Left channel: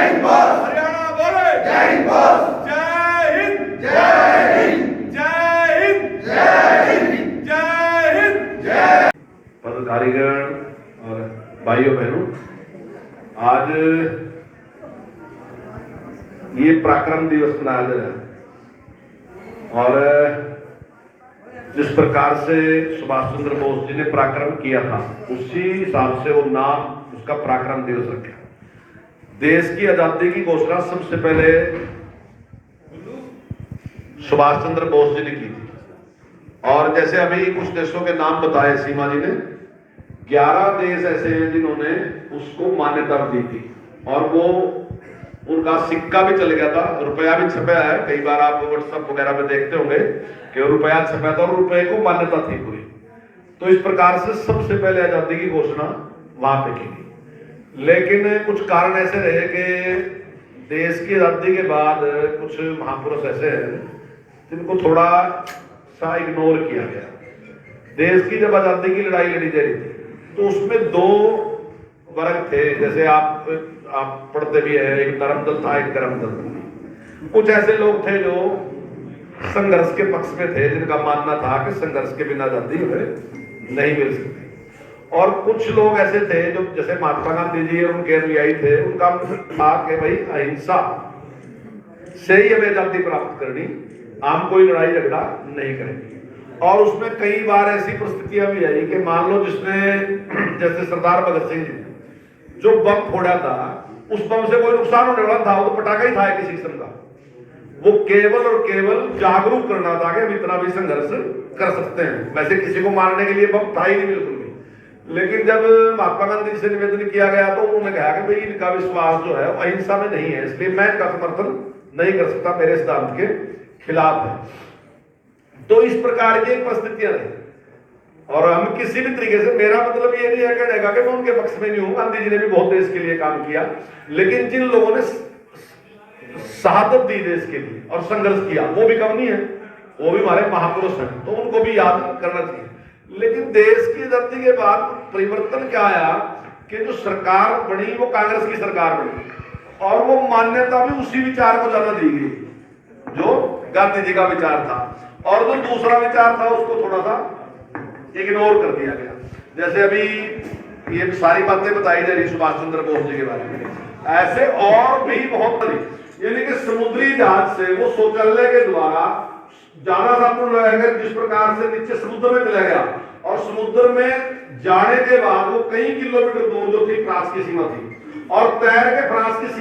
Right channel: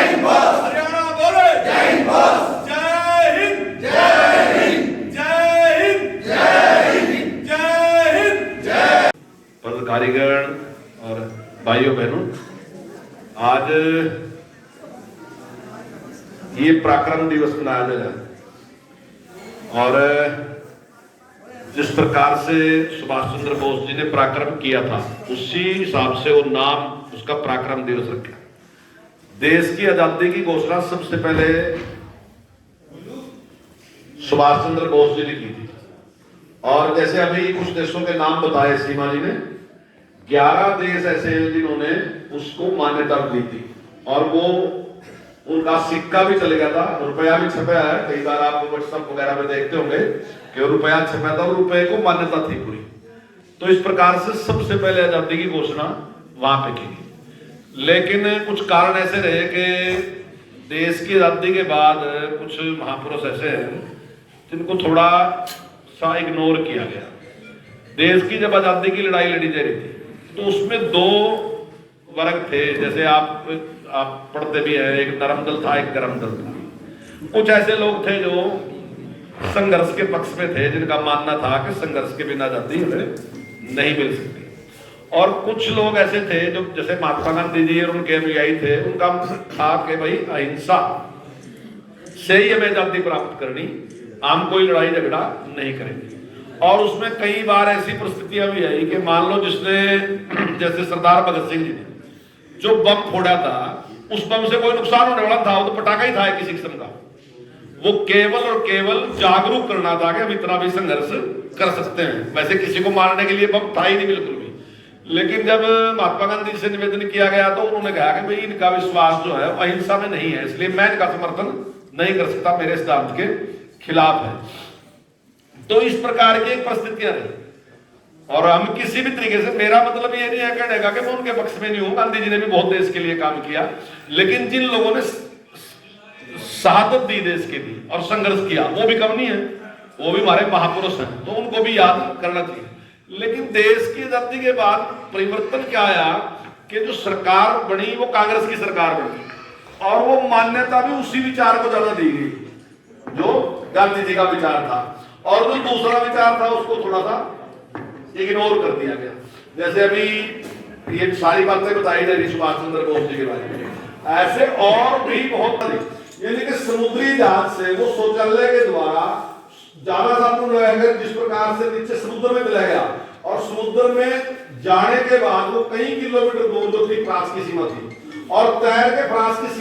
जय हिंद बॉस। हरियाणा बोले जय हिंद बॉस। जय हिंद जय हिंद। जय हिंद जय हिंद। जय हिंद। जय। पत्रकारीगण और भाइयों बहनों, आज ये पराक्रम दिवस मनाया जा रहा है और जिस प्रकार से सुभाष चंद्र बोस जी ने पराक्रम किया था उसी हिसाब से वो नाम उसका पराक्रम दिवस रखा। देश की आजादी की घोषणा सबसे पहले सुभाष चंद्र बोस जी ने की थी और जैसे अभी कुछ देशों के नाम बताए सीमा जी ने, 11 देश ऐसे हैं जिन्होंने उसको मान्यता दी थी और वो उनका सिक्का भी चल गया था, रुपया भी छपा है। कई बार आप व्हाट्सएप वगैरह में देखते होंगे कि रुपया छपा था और रुपये को मान्यता थी पूरी। तो इस प्रकार से सबसे पहले आजादी की घोषणा वहां पे की गई। लेकिन कुछ कारण ऐसे रहे कि देश की आजादी के बाद कुछ महापुरुष ऐसे हैं जिनको थोड़ा सा इग्नोर किया गया। देश की जब आजादी की लड़ाई लड़ी जा रही थी तो उसमें 2 वर्ग थे, जैसे आप पढ़ते भी हैं, एक नरम दल था, एक गरम दल था। कुछ ऐसे लोग थे जो संघर्ष के पक्ष में थे, जिनका मानना था कि संघर्ष के बिना आजादी हमें नहीं मिल सकती, और कुछ लोग ऐसे थे जो जैसे महात्मा गांधी जी और उनके अनुयायी थे, उनका था कि भाई अहिंसा से ही हमें आजादी प्राप्त करनी, हम कोई लड़ाई झगड़ा नहीं करेंगे। और उसमें कई बार ऐसी परिस्थितियां भी आई कि मान लो जिसने जैसे सरदार भगत सिंह जी ने जो बम फोड़ा था, उस बम से कोई नुकसान होने वाला था, वो तो पटाखा ही था किसी किस्म का। वो केवल और केवल जागरूक करना था कि हम इतना भी संघर्ष कर सकते हैं। वैसे किसी को मारने के लिए बम था ही नहीं बिल्कुल भी। लेकिन जब महात्मा गांधी से निवेदन किया गया तो उन्होंने कहा कि भाई इनका विश्वास जो है अहिंसा में नहीं है, इसलिए मैं इनका समर्थन नहीं कर सकता, मेरे सिद्धांत के खिलाफ है। तो इस प्रकार की परिस्थितियां रही और हम किसी भी तरीके से, मेरा मतलब ये नहीं है कहने का कि मैं उनके पक्ष में नहीं हूं, गांधी जी ने भी बहुत देश के लिए काम किया, लेकिन जिन लोगों ने शहादत दी देश के लिए और संघर्ष किया वो भी कम नहीं है, वो भी हमारे महापुरुष हैं, तो उनको भी याद करना चाहिए। लेकिन देश की आजादी के बाद परिवर्तन क्या आया कि जो सरकार बनी वो कांग्रेस की सरकार बनी और वो मान्यता भी उसी विचार को ज्यादा दी गई जो गांधी जी का विचार था, और जो दूसरा विचार था उसको थोड़ा सा इग्नोर कर दिया गया। जैसे अभी ये सारी बातें बताई जा रही सुभाष चंद्र बोस जी के बारे में, ऐसे और भी बहुत, यानी कि समुद्री जहाज से वो शौचालय के द्वारा ज्यादा साधन रहेगा, जिस प्रकार से नीचे समुद्र में चला गया और समुद्र में जाने के बाद वो कई किलोमीटर दूर जो थी फ्रांस की सीमा थी और तैर के फ्रांस की